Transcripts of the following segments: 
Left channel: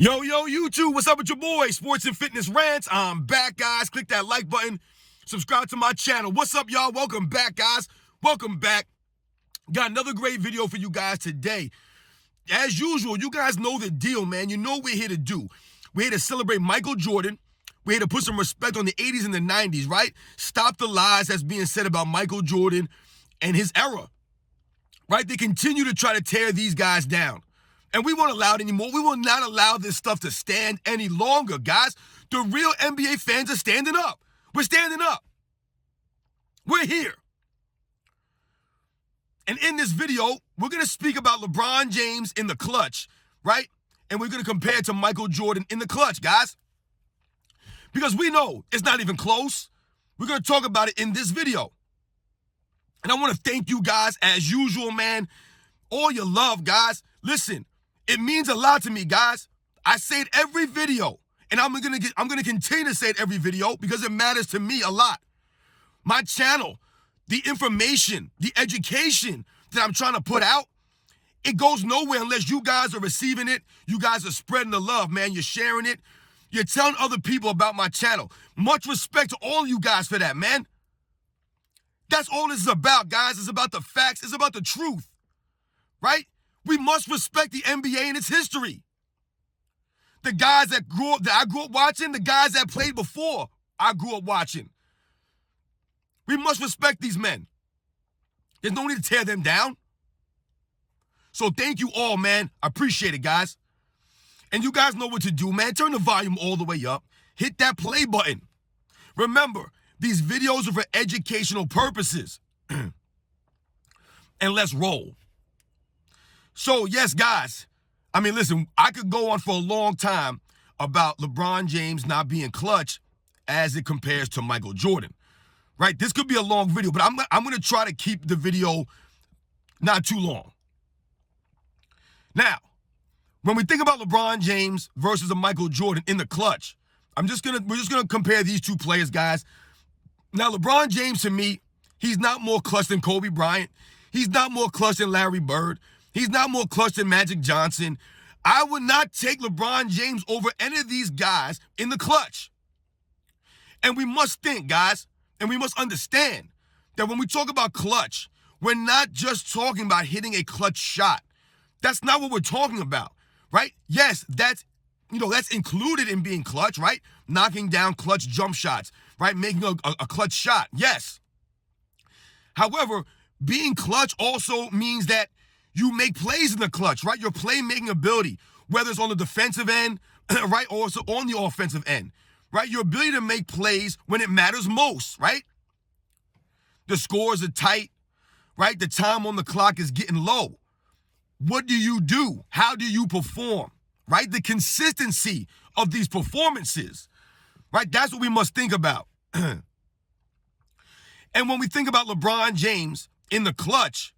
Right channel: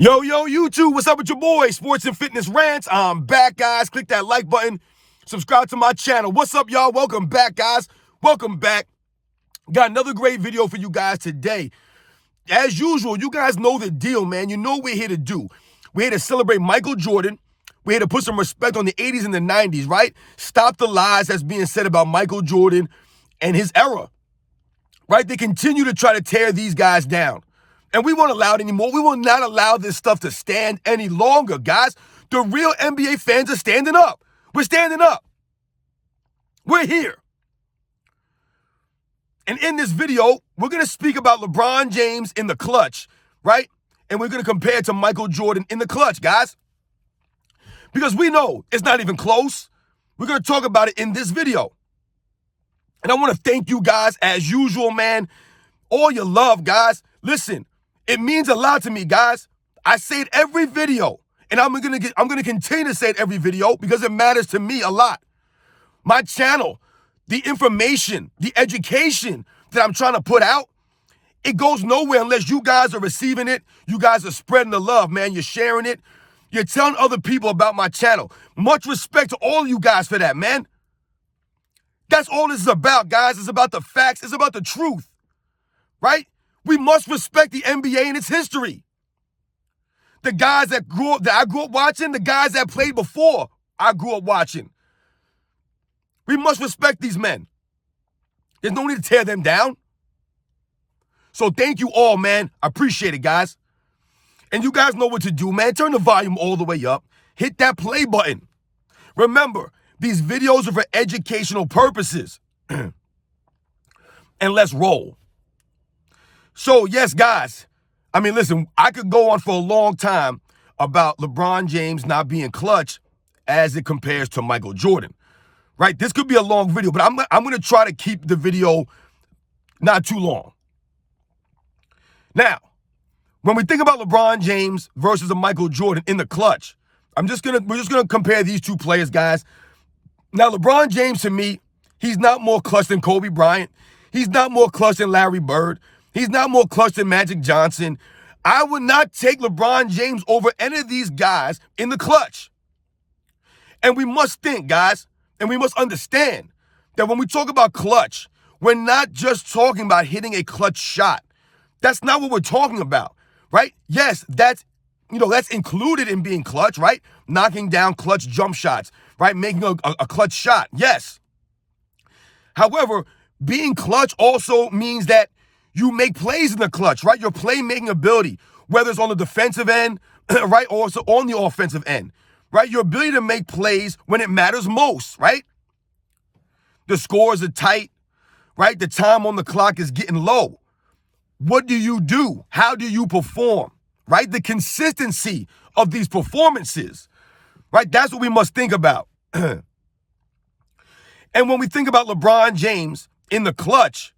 Yo, YouTube, what's up with your boy? Sports and Fitness Rants. I'm back, guys. Click that like button. Subscribe to my channel. What's up, y'all? Welcome back, guys. Welcome back. Got another great video for you guys today. As usual, you guys know the deal, man. You know what we're here to do. We're here to celebrate Michael Jordan. We're here to put some respect on the 80s and the 90s, right? Stop the lies that's being said about Michael Jordan and his era, right? They continue to try to tear these guys down. And we won't allow it anymore. We will not allow this stuff to stand any longer, guys. The real NBA fans are standing up. We're standing up. We're here. And in this video, we're going to speak about LeBron James in the clutch, right? And we're going to compare it to Michael Jordan in the clutch, guys. Because we know it's not even close. We're going to talk about it in this video. And I want to thank you guys as usual, man. All your love, guys. Listen. It means a lot to me, guys. I say it every video, and I'm gonna continue to say it every video because it matters to me a lot. My channel, the information, the education that I'm trying to put out, it goes nowhere unless you guys are receiving it. You guys are spreading the love, man. You're sharing it. You're telling other people about my channel. Much respect to all of you guys for that, man. That's all this is about, guys. It's about the facts. It's about the truth, right? We must respect the NBA and its history. The guys that I grew up watching, the guys that played before I grew up watching. We must respect these men. There's no need to tear them down. So thank you all, man. I appreciate it, guys. And you guys know what to do, man. Turn the volume all the way up. Hit that play button. Remember, these videos are for educational purposes. And let's roll. So, yes, guys, I mean, listen, I could go on for a long time about LeBron James not being clutch as it compares to Michael Jordan, right? This could be a long video, but I'm going to try to keep the video not too long. Now, when we think about LeBron James versus a Michael Jordan in the clutch, we're just gonna compare these two players, guys. Now, LeBron James, to me, he's not more clutch than Kobe Bryant. He's not more clutch than Larry Bird. He's not more clutch than Magic Johnson. I would not take LeBron James over any of these guys in the clutch. And we must think, guys, and we must understand that when we talk about clutch, we're not just talking about hitting a clutch shot. That's not what we're talking about, right? Yes, that's included in being clutch, right? Knocking down clutch jump shots, right? Making a clutch shot, yes. However, being clutch also means that you make plays in the clutch, right? Your playmaking ability, whether it's on the defensive end, right, or also on the offensive end, right? Your ability to make plays when it matters most, right? The scores are tight, right? The time on the clock is getting low. What do you do? How do you perform, right? The consistency of these performances, right? That's what we must think about. And when we think about LeBron James in the clutch,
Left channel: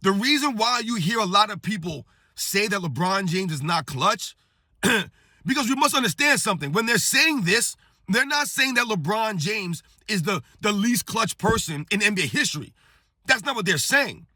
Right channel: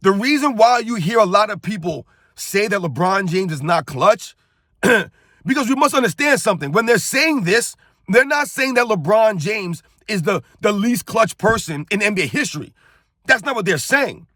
the reason why you hear a lot of people say that LeBron James is not clutch, because we must understand something. When they're saying this, they're not saying that LeBron James is the least clutch person in NBA history. That's not what they're saying.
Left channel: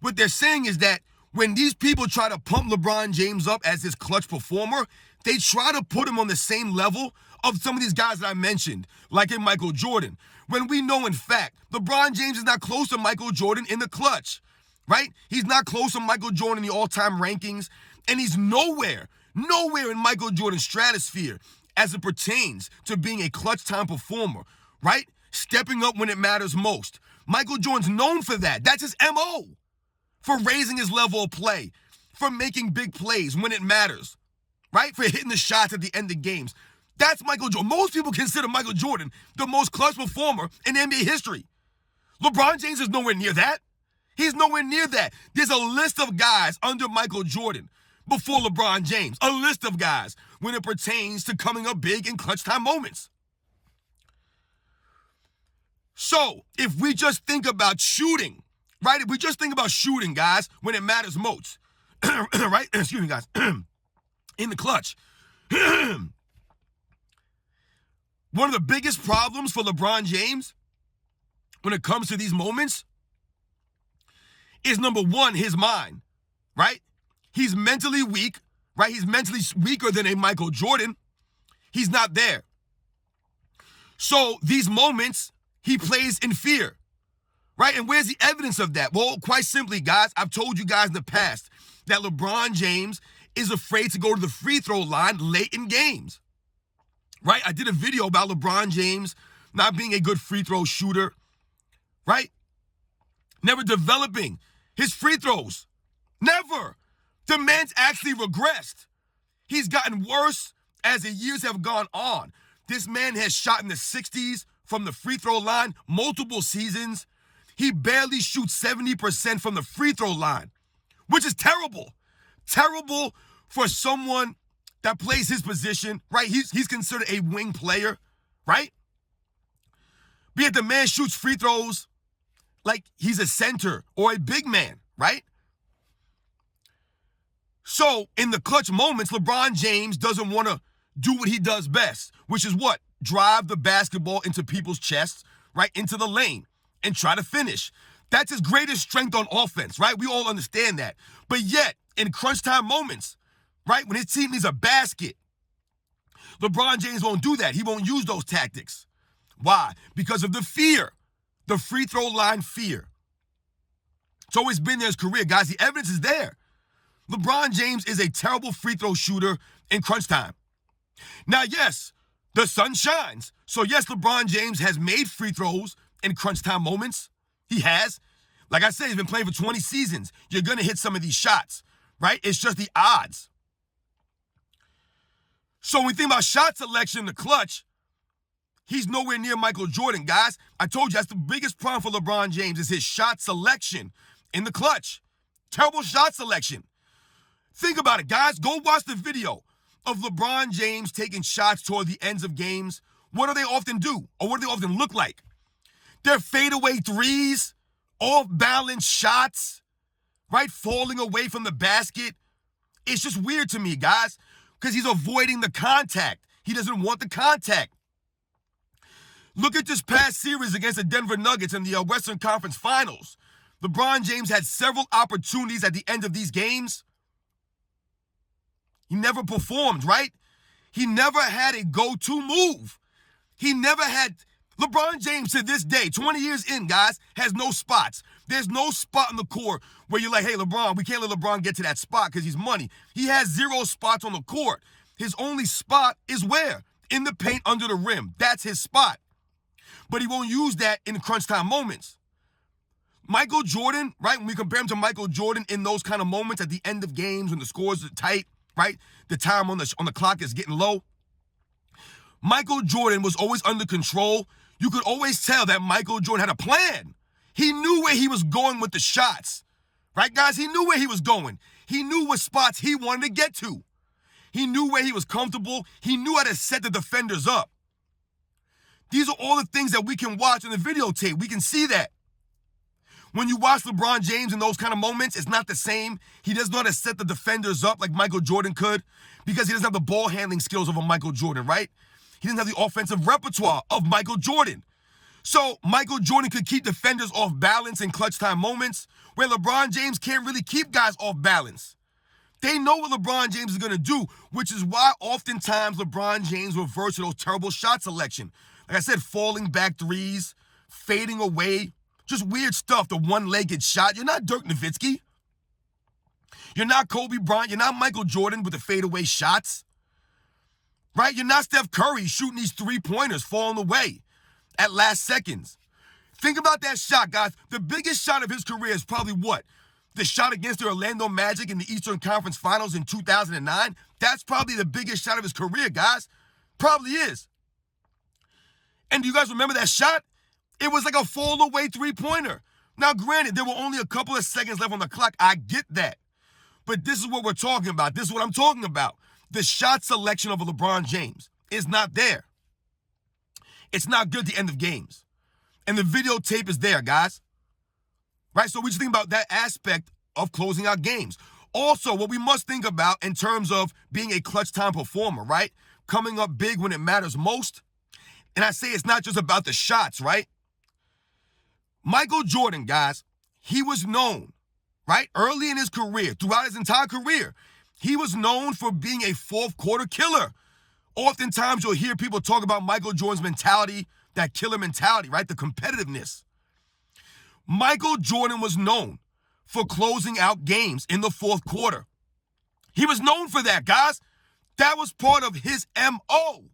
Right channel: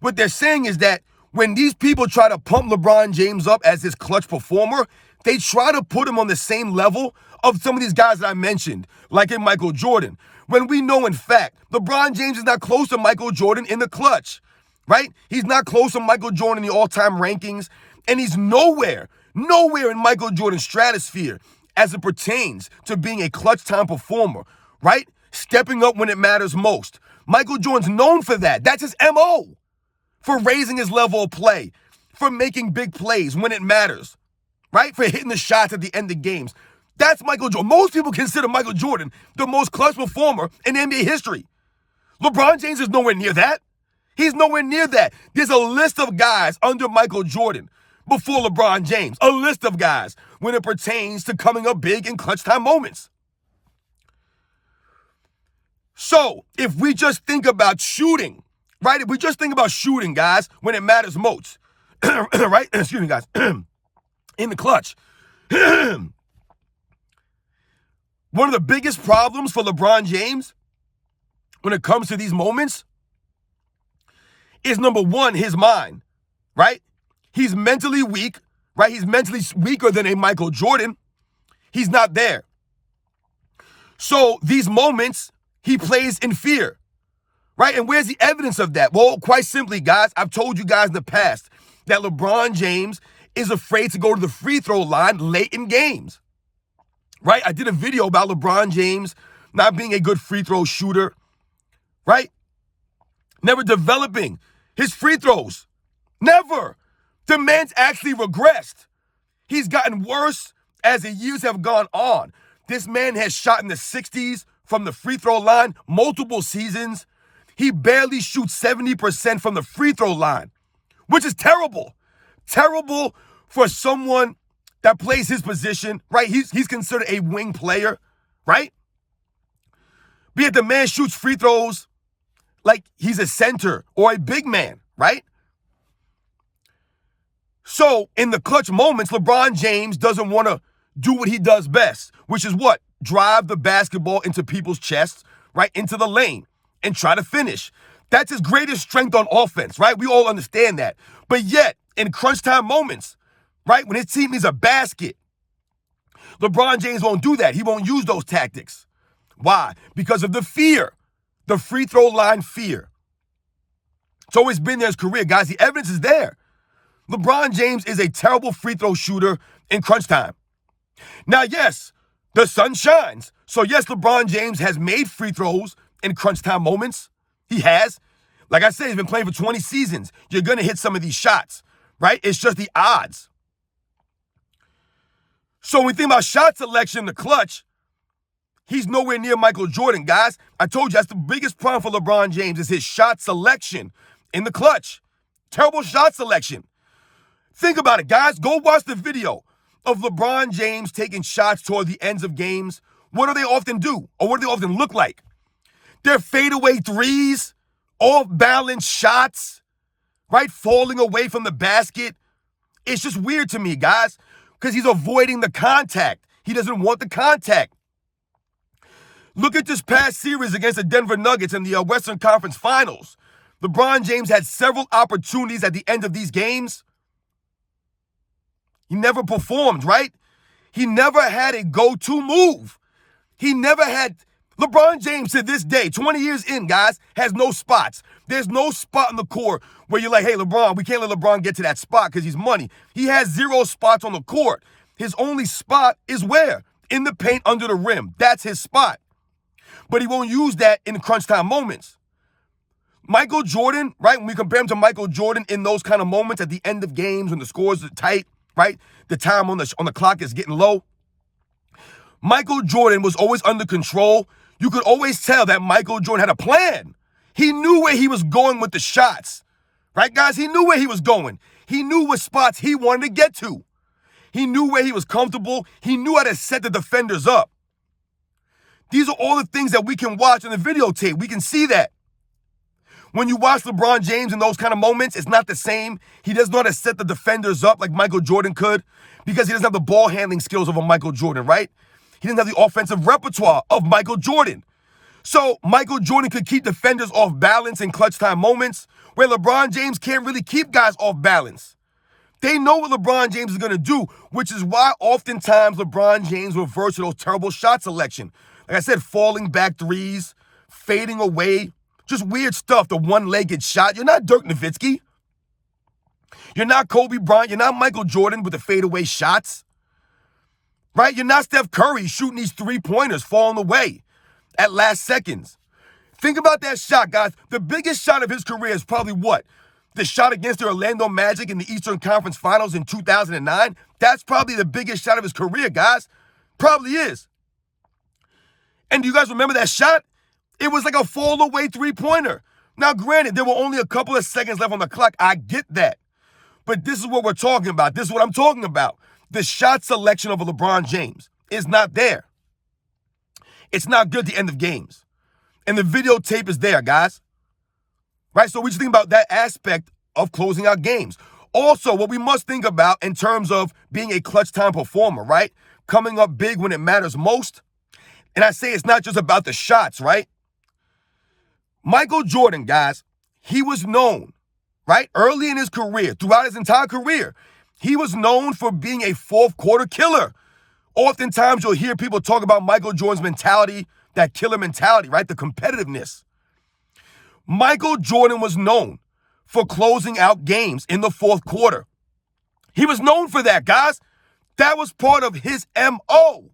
What they're saying is that when these people try to pump LeBron James up as this clutch performer, they try to put him on the same level of some of these guys that I mentioned, like in Michael Jordan, when we know, in fact, LeBron James is not close to Michael Jordan in the clutch. Right? He's not close to Michael Jordan in the all-time rankings, and he's nowhere in Michael Jordan's stratosphere as it pertains to being a clutch time performer, right? Stepping up when it matters most. Michael Jordan's known for that. That's his MO, for raising his level of play, for making big plays when it matters, right? For hitting the shots at the end of games. That's Michael Jordan. Most people consider Michael Jordan the most clutch performer in NBA history. LeBron James is nowhere near that. He's nowhere near that. There's a list of guys under Michael Jordan before LeBron James. A list of guys when it pertains to coming up big in clutch time moments. So, if we just think about shooting, right? If we just think about shooting, guys, when it matters most, right? Excuse me, guys. In the clutch. One of the biggest problems for LeBron James when it comes to these moments is, number one, his mind, right? He's mentally weak, right? He's mentally weaker than a Michael Jordan. He's not there. So these moments, he plays in fear, right? And where's the evidence of that? Well, quite simply, guys, I've told you guys in the past that LeBron James is afraid to go to the free throw line late in games, right? I did a video about LeBron James not being a good free throw shooter, right? Never developing his free throws. Never. The man's actually regressed. He's gotten worse as the years have gone on. This man has shot in the 60s from the free throw line multiple seasons. He barely shoots 70% from the free throw line, which is terrible. Terrible for someone that plays his position, right? He's considered a wing player, right? But yet the man shoots free throws like he's a center or a big man, right? So in the clutch moments, LeBron James doesn't want to do what he does best, which is what? Drive the basketball into people's chests, right? Into the lane and try to finish. That's his greatest strength on offense, right? We all understand that. But yet, in crunch time moments, right, when his team needs a basket, LeBron James won't do that. He won't use those tactics. Why? Because of the fear, the free throw line fear. It's always been there in his career, guys. The evidence is there. LeBron James is a terrible free throw shooter in crunch time. Now, yes, the sun shines. So, yes, LeBron James has made free throws in crunch time moments. He has. Like I said, he's been playing for 20 seasons. You're going to hit some of these shots, right? It's just the odds. So when we think about shot selection in the clutch, he's nowhere near Michael Jordan, guys. I told you that's the biggest problem for LeBron James is his shot selection in the clutch. Terrible shot selection. Think about it, guys. Go watch the video of LeBron James taking shots toward the ends of games. What do they often do? Or what do they often look like? They're fadeaway threes, off-balance shots, right? Falling away from the basket. It's just weird to me, guys, because he's avoiding the contact. He doesn't want the contact. Look at this past series against the Denver Nuggets in the Western Conference Finals. LeBron James had several opportunities at the end of these games. He never performed, right? He never had a go-to move. He never had... LeBron James to this day, 20 years in, guys, has no spots. There's no spot in the court where you're like, hey, LeBron, we can't let LeBron get to that spot because he's money. He has 0 spots on the court. His only spot is where? In the paint under the rim. That's his spot. But he won't use that in crunch time moments. Michael Jordan, right, when we compare him to Michael Jordan in those kind of moments at the end of games when the scores are tight, right, the time on the clock is getting low, Michael Jordan was always under control. You could always tell that Michael Jordan had a plan. He knew where he was going with the shots. Right, guys? He knew where he was going. He knew what spots he wanted to get to. He knew where he was comfortable. He knew how to set the defenders up. These are all the things that we can watch in the videotape. We can see that. When you watch LeBron James in those kind of moments, it's not the same. He doesn't know how to set the defenders up like Michael Jordan could because he doesn't have the ball handling skills of a Michael Jordan, right? He didn't have the offensive repertoire of Michael Jordan. So Michael Jordan could keep defenders off balance in clutch time moments where LeBron James can't really keep guys off balance. They know what LeBron James is going to do, which is why oftentimes LeBron James reverts to those terrible shot selection. Like I said, falling back threes, fading away, just weird stuff, the one-legged shot. You're not Dirk Nowitzki. You're not Kobe Bryant. You're not Michael Jordan with the fadeaway shots. Right? You're not Steph Curry shooting these three-pointers, falling away at last seconds. Think about that shot, guys. The biggest shot of his career is probably what? The shot against the Orlando Magic in the Eastern Conference Finals in 2009. That's probably the biggest shot of his career, guys. Probably is. And do you guys remember that shot? It was like a fall-away three-pointer. Now, granted, there were only a couple of seconds left on the clock. I get that. But this is what we're talking about. This is what I'm talking about. The shot selection of a LeBron James is not there. It's not good at the end of games. And the videotape is there, guys. Right? So we just think about that aspect of closing out games. Also, what we must think about in terms of being a clutch time performer, right? Coming up big when it matters most. And I say it's not just about the shots, right? Michael Jordan, guys, he was known, right? Early in his career, throughout his entire career, he was known for being a fourth quarter killer. Oftentimes, you'll hear people talk about Michael Jordan's mentality, that killer mentality, right? The competitiveness. Michael Jordan was known for closing out games in the fourth quarter. He was known for that, guys. That was part of his MO.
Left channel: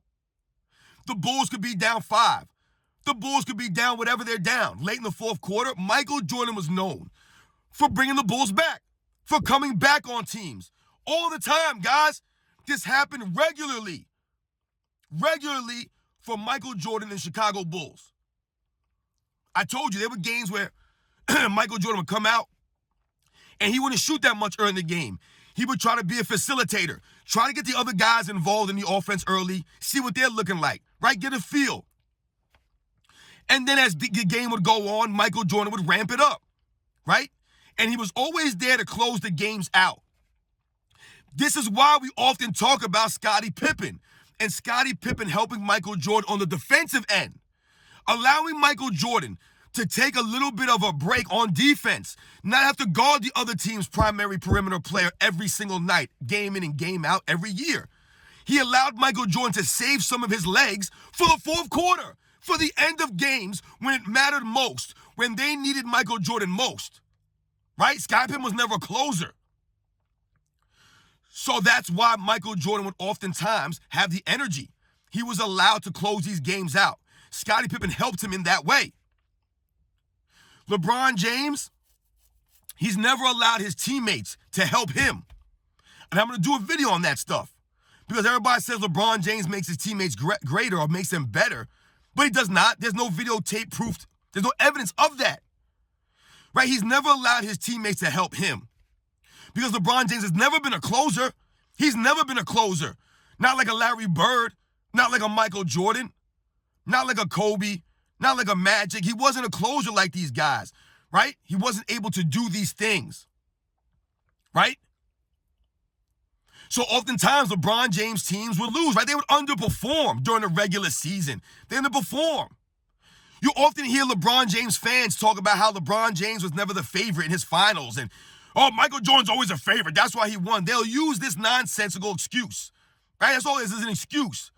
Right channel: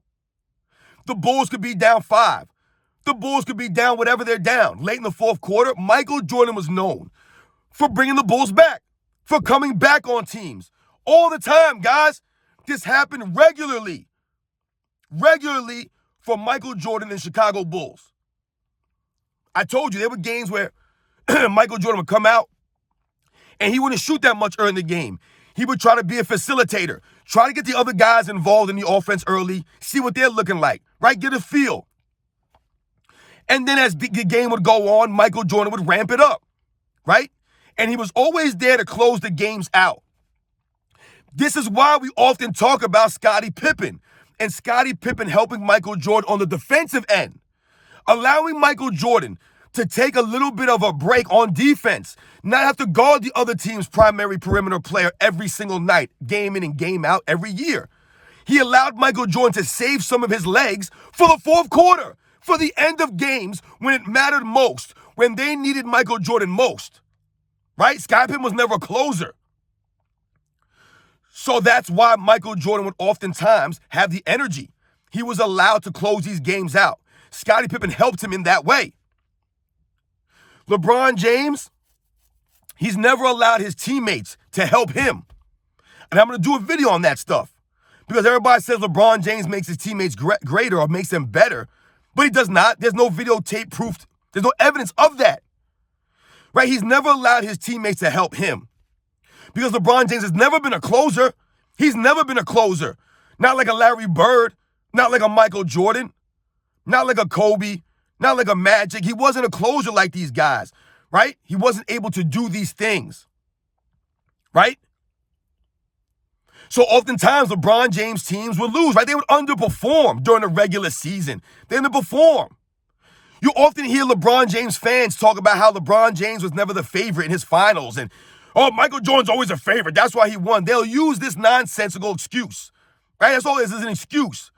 The Bulls could be down 5. The Bulls could be down whatever they're down. Late in the fourth quarter, Michael Jordan was known for bringing the Bulls back, for coming back on teams. All the time, guys. This happened regularly for Michael Jordan and Chicago Bulls. I told you there were games where Michael Jordan would come out and he wouldn't shoot that much early in the game. He would try to be a facilitator, try to get the other guys involved in the offense early, see what they're looking like, right? Get a feel. And then as the game would go on, Michael Jordan would ramp it up, right? And he was always there to close the games out. This is why we often talk about Scottie Pippen and Scottie Pippen helping Michael Jordan on the defensive end, allowing Michael Jordan to take a little bit of a break on defense, not have to guard the other team's primary perimeter player every single night, game in and game out every year. He allowed Michael Jordan to save some of his legs for the fourth quarter, for the end of games when it mattered most, when they needed Michael Jordan most, right? Scottie Pippen was never a closer. So that's why Michael Jordan would oftentimes have the energy. He was allowed to close these games out. Scottie Pippen helped him in that way. LeBron James, he's never allowed his teammates to help him. And I'm going to do a video on that stuff because everybody says LeBron James makes his teammates greater or makes them better, but he does not. There's no videotape proof. There's no evidence of that, right? He's never allowed his teammates to help him because LeBron James has never been a closer. He's never been a closer. Not like a Larry Bird, not like a Michael Jordan, not like a Kobe, not like a Magic. He wasn't a closer like these guys, right? He wasn't able to do these things, right? So oftentimes LeBron James teams would lose, right? They would underperform during the regular season. They underperform. You often hear LeBron James fans talk about how LeBron James was never the favorite in his finals and, oh, Michael Jordan's always a favorite. That's why he won. They'll use this nonsensical excuse, right? That's all it is an excuse.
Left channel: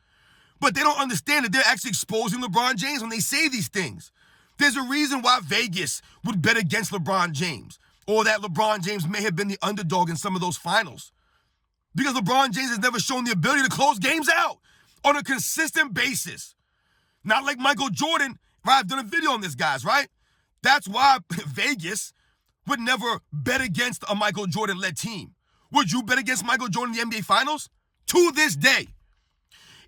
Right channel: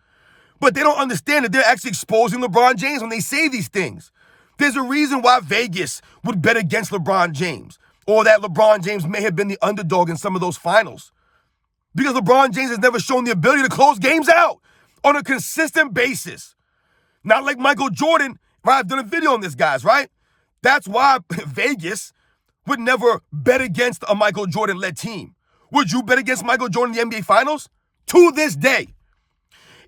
But they don't understand that they're actually exposing LeBron James when they say these things. There's a reason why Vegas would bet against LeBron James or that LeBron James may have been the underdog in some of those finals. Because LeBron James has never shown the ability to close games out on a consistent basis. Not like Michael Jordan, right? I've done a video on this, guys, right? That's why Vegas would never bet against a Michael Jordan-led team. Would you bet against Michael Jordan in the NBA Finals? To this day.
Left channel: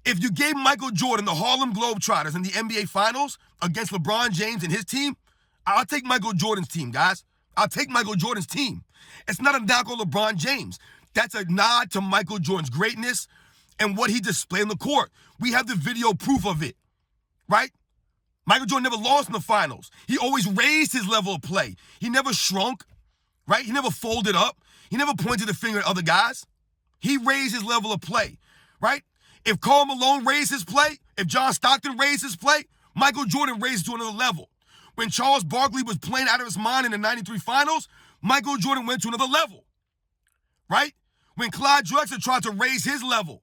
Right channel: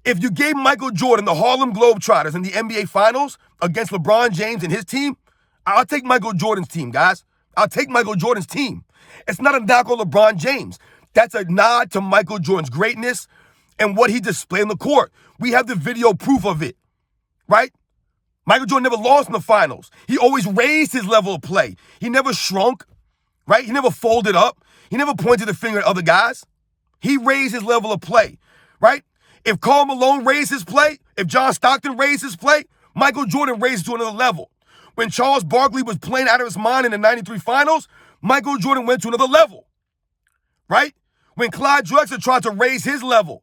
If you gave Michael Jordan the Harlem Globetrotters in the NBA Finals against LeBron James and his team, I'll take Michael Jordan's team, guys. I'll take Michael Jordan's team. It's not a knock on LeBron James. That's a nod to Michael Jordan's greatness and what he displayed on the court. We have the video proof of it, right? Michael Jordan never lost in the finals. He always raised his level of play. He never shrunk, right? He never folded up. He never pointed the finger at other guys. He raised his level of play, right? If Karl Malone raised his play, if John Stockton raised his play, Michael Jordan raised it to another level. When Charles Barkley was playing out of his mind in the 93 finals, Michael Jordan went to another level, right? When Clyde Drexler tried to raise his level,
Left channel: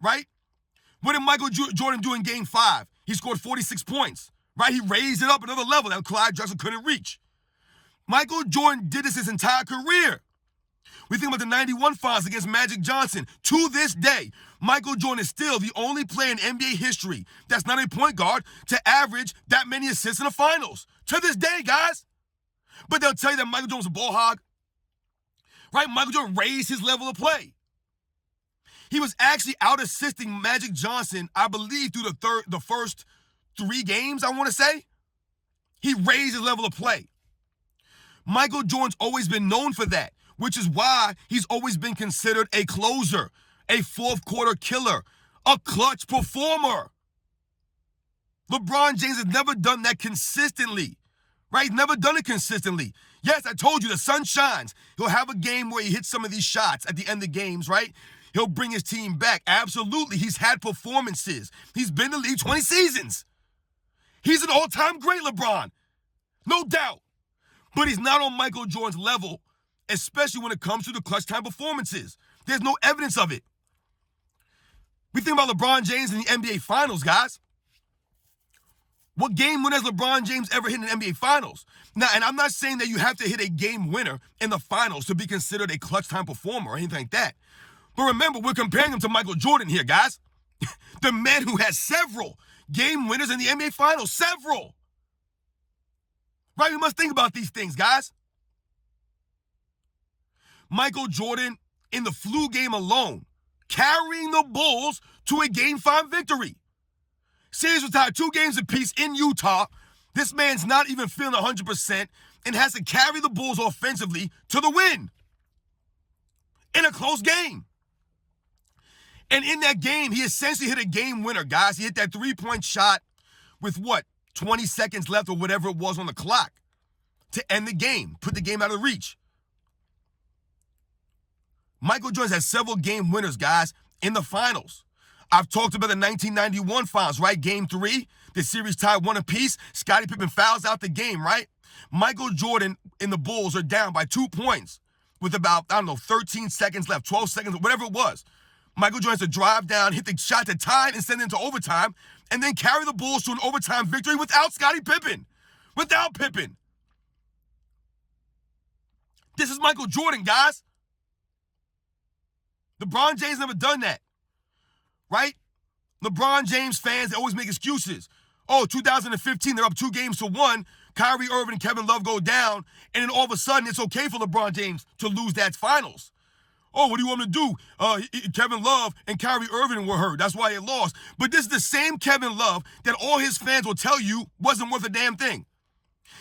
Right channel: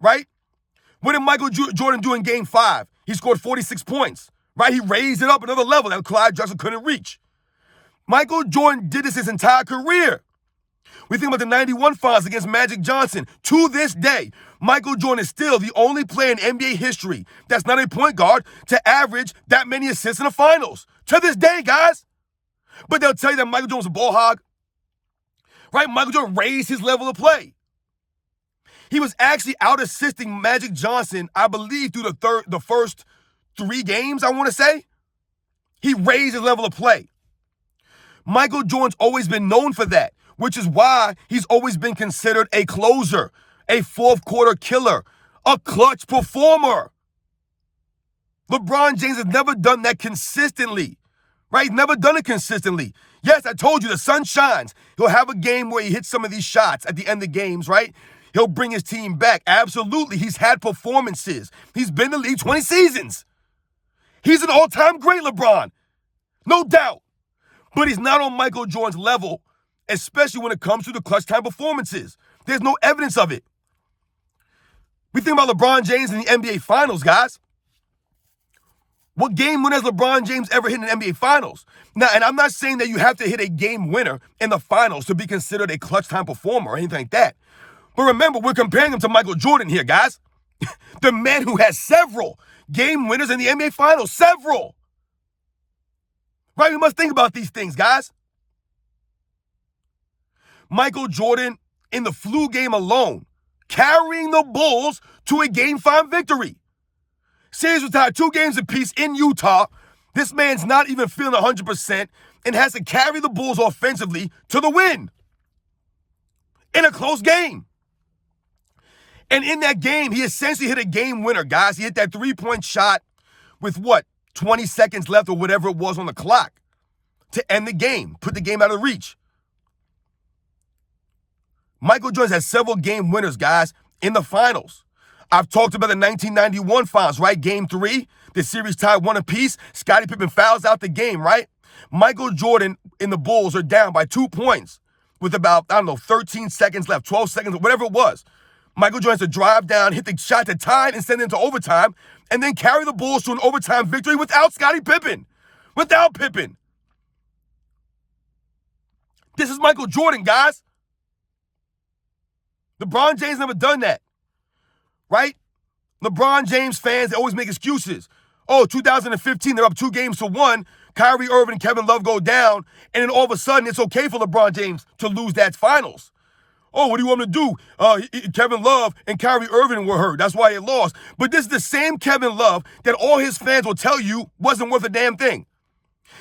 right? What did Michael Jordan do in Game 5? He scored 46 points, right? He raised it up another level that Clyde Drexler couldn't reach. Michael Jordan did this his entire career. We think about the 91 finals against Magic Johnson. To this day, Michael Jordan is still the only player in NBA history that's not a point guard to average that many assists in the finals. To this day, guys. But they'll tell you that Michael Jordan was a ball hog. Right? Michael Jordan raised his level of play. He was actually out-assisting Magic Johnson, I believe, through the first 3 games, I want to say. He raised his level of play. Michael Jordan's always been known for that, which is why he's always been considered a closer, a fourth quarter killer, a clutch performer. LeBron James has never done that consistently, right? He's never done it consistently. Yes, I told you, the sun shines. He'll have a game where he hits some of these shots at the end of games, right? He'll bring his team back. Absolutely. He's had performances. He's been in the league 20 seasons. He's an all-time great, LeBron. No doubt. But he's not on Michael Jordan's level, especially when it comes to the clutch time performances. There's no evidence of it. We think about LeBron James in the NBA Finals, guys. What game winner has LeBron James ever hit in the NBA Finals? Now, and I'm not saying that you have to hit a game winner in the finals to be considered a clutch time performer or anything like that. But remember, we're comparing him to Michael Jordan here, guys. The man who has several game winners in the NBA Finals. Several. Right? We must think about these things, guys. Michael Jordan, in the flu game alone, carrying the Bulls to a Game 5 victory. Series was tied 2 games apiece in Utah. This man's not even feeling 100% and has to carry the Bulls offensively to the win in a close game. And in that game, he essentially hit a game winner, guys. He hit that 3-point shot with 20 seconds left or whatever it was on the clock to end the game, put the game out of reach. Michael Jordan has several game winners, guys, in the finals. I've talked about the 1991 finals, right? Game 3, the series tied 1 apiece. Scottie Pippen fouls out the game, right? Michael Jordan and the Bulls are down by 2 points with about, 13 seconds left, 12 seconds, whatever it was. Michael Jordan has to drive down, hit the shot to tie it and send it into overtime, and then carry the Bulls to an overtime victory without Scottie Pippen. Without Pippen. This is Michael Jordan, guys. LeBron James never done that. Right? LeBron James fans, they always make excuses. Oh, 2015, they're up 2-1. Kyrie Irving and Kevin Love go down, and then all of a sudden, it's okay for LeBron James to lose that finals. Oh, what do you want me to do? Kevin Love and Kyrie Irving were hurt. That's why they lost. But this is the same Kevin Love that all his fans will tell you wasn't worth a damn thing.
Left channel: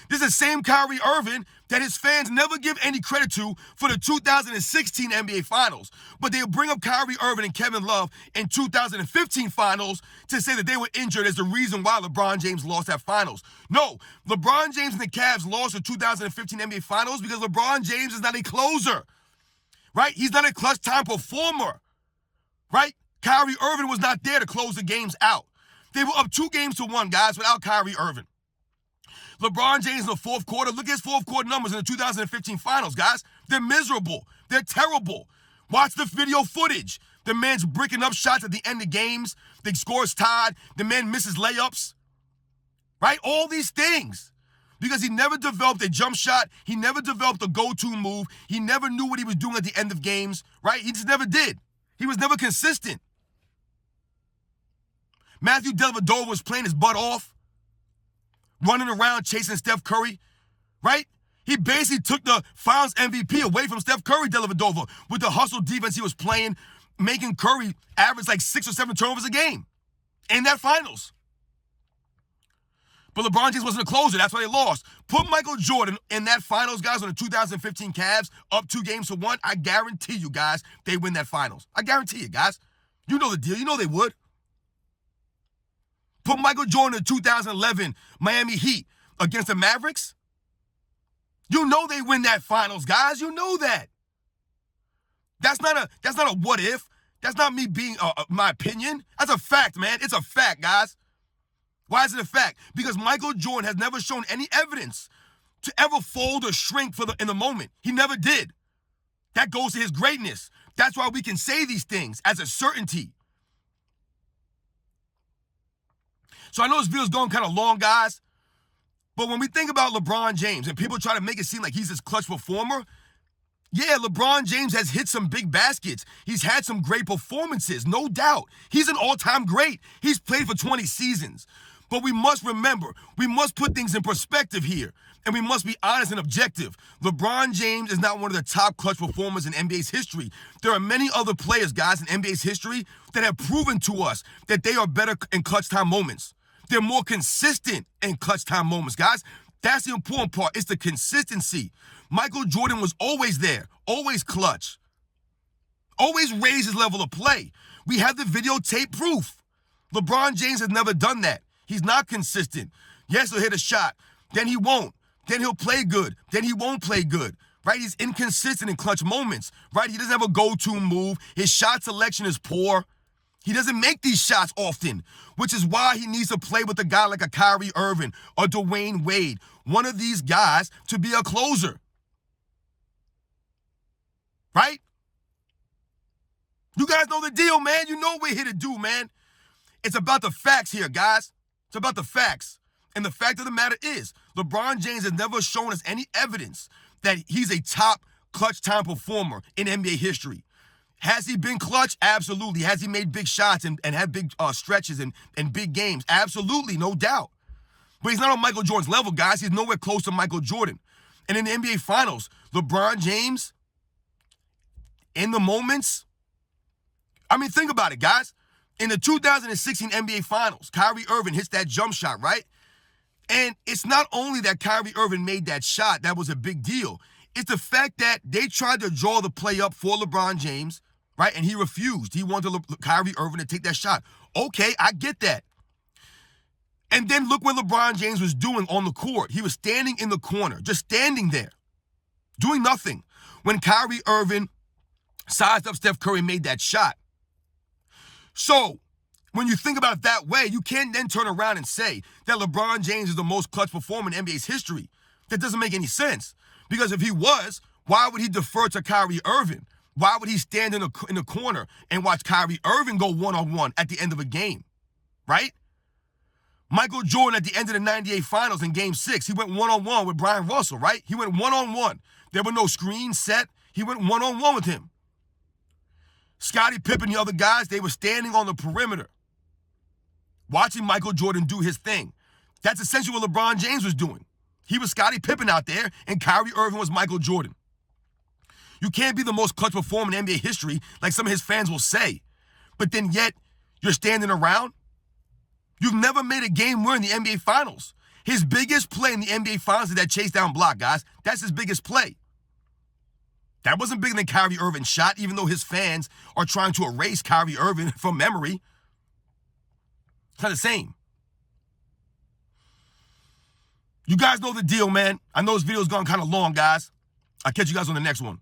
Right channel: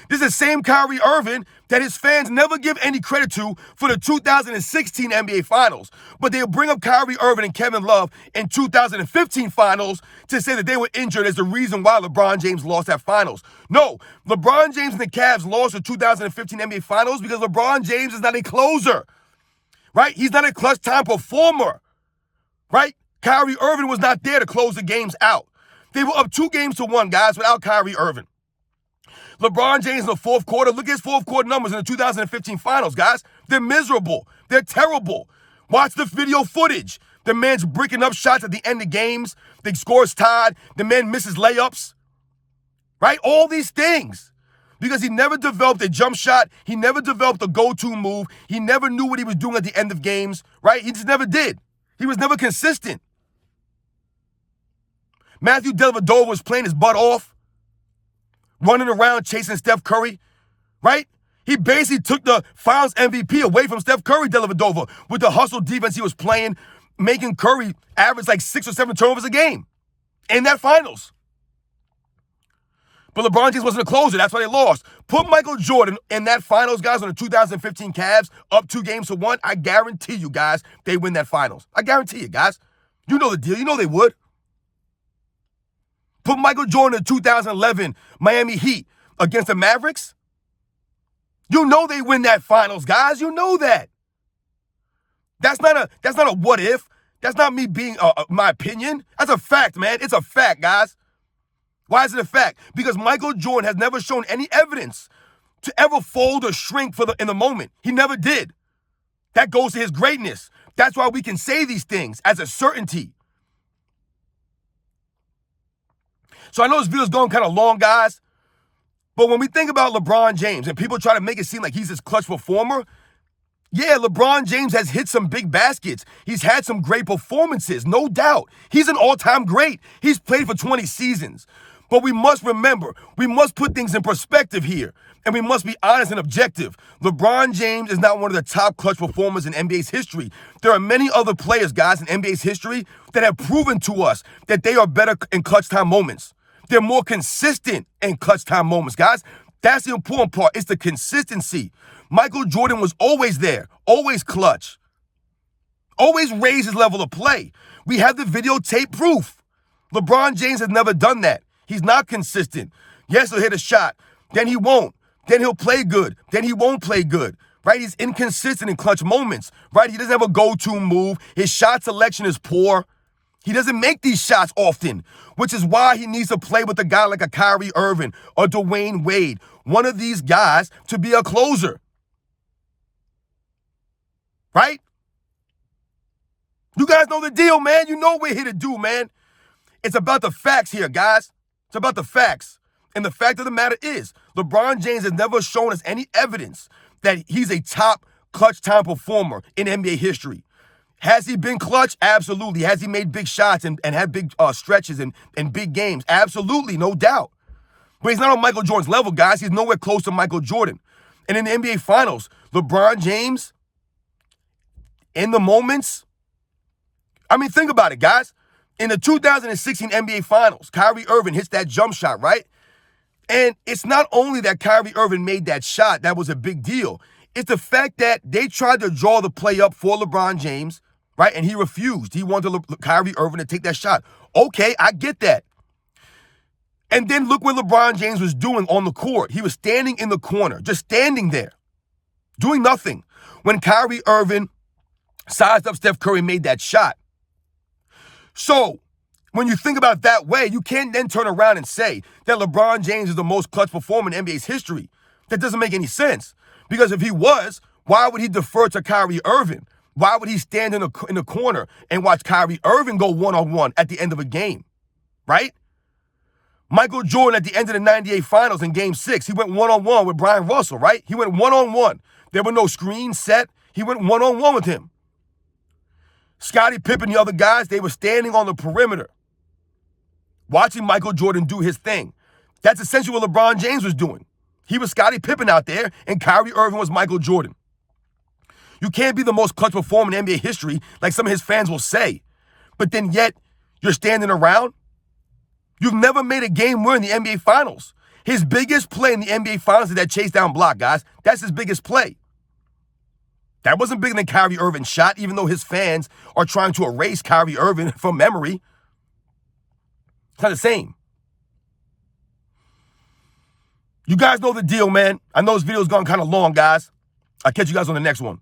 This is the same Kyrie Irving that his fans never give any credit to for the 2016 NBA Finals. But they'll bring up Kyrie Irving and Kevin Love in 2015 Finals to say that they were injured as the reason why LeBron James lost that Finals. No, LeBron James and the Cavs lost the 2015 NBA Finals because LeBron James is not a closer, right? He's not a clutch time performer, right? Kyrie Irving was not there to close the games out. They were up 2-1, guys, without Kyrie Irving. LeBron James in the fourth quarter, look at his fourth quarter numbers in the 2015 Finals, guys. They're miserable. They're terrible. Watch the video footage. The man's bricking up shots at the end of games. The score's tied. The man misses layups. Right? All these things. Because he never developed a jump shot. He never developed a go-to move. He never knew what he was doing at the end of games. Right? He just never did. He was never consistent. Matthew Dellavedova was playing his butt off, running around chasing Steph Curry, right? He basically took the Finals MVP away from Steph Curry, Dellavedova, with the hustle defense he was playing, making Curry average like 6 or 7 turnovers a game in that Finals. But LeBron James wasn't a closer. That's why they lost. Put Michael Jordan in that Finals, guys, on the 2015 Cavs, up 2-1. I guarantee you, guys, they win that Finals. I guarantee you, guys. You know the deal. You know they would. Put Michael Jordan in the 2011 Miami Heat against the Mavericks. You know they win that Finals, guys. You know that. That's not a what if. That's not me being my opinion. That's a fact, man. It's a fact, guys. Why is it a fact? Because Michael Jordan has never shown any evidence to ever fold or shrink in the moment. He never did. That goes to his greatness. That's why we can say these things as a certainty. So I know this video's going kind of long, guys, but when we think about LeBron James and people try to make it seem like he's this clutch performer, yeah, LeBron James has hit some big baskets. He's had some great performances, no doubt. He's an all-time great. He's played for 20 seasons. But we must remember, we must put things in perspective here, and we must be honest and objective. LeBron James is not one of the top clutch performers in NBA's history. There are many other players, guys, in NBA's history that have proven to us that they are better in clutch time moments. They're more consistent in clutch time moments, guys. That's the important part. It's the consistency. Michael Jordan was always there, always clutch, always raised his level of play. We have the videotape proof. LeBron James has never done that. He's not consistent. Yes, he'll hit a shot. Then he won't. Then he'll play good. Then he won't play good. Right? He's inconsistent in clutch moments. Right? He doesn't have a go-to move. His shot selection is poor. He doesn't make these shots often, which is why he needs to play with a guy like a Kyrie Irving or Dwayne Wade, one of these guys, to be a closer. Right? You guys know the deal, man. You know what we're here to do, man. It's about the facts here, guys. It's about the facts. And the fact of the matter is, LeBron James has never shown us any evidence that he's a top clutch time performer in NBA history. Has he been clutch? Absolutely. Has he made big shots and had big stretches and big games? Absolutely, no doubt. But he's not on Michael Jordan's level, guys. He's nowhere close to Michael Jordan. And in the NBA Finals, LeBron James, in the moments, I mean, think about it, guys. In the 2016 NBA Finals, Kyrie Irving hits that jump shot, right? And it's not only that Kyrie Irving made that shot, that was a big deal. It's the fact that they tried to draw the play up for LeBron James, right? And he refused. He wanted Kyrie Irving to take that shot. Okay, I get that. And then look what LeBron James was doing on the court. He was standing in the corner, just standing there, doing nothing. When Kyrie Irving sized up Steph Curry and made that shot. So, when you think about it that way, you can't then turn around and say that LeBron James is the most clutch performer in NBA's history. That doesn't make any sense. Because if he was, why would he defer to Kyrie Irving? Why would he stand in the corner and watch Kyrie Irving go one-on-one at the end of a game? Right? Michael Jordan at the end of the 98 Finals in Game 6, he went one-on-one with Brian Russell, right? He went one-on-one. There were no screens set. He went one-on-one with him. Scottie Pippen and the other guys, they were standing on the perimeter, watching Michael Jordan do his thing. That's essentially what LeBron James was doing. He was Scottie Pippen out there, and Kyrie Irving was Michael Jordan. You can't be the most clutch performer in NBA history, like some of his fans will say, but then yet you're standing around. You've never made a game winner in the NBA Finals. His biggest play in the NBA Finals is that chase down block, guys. That's his biggest play. That wasn't bigger than Kyrie Irving's shot, even though his fans are trying to erase Kyrie Irving from memory. It's not the same. You guys know the deal, man. I know this video's gone kind of long, guys. I'll catch you guys on the next one.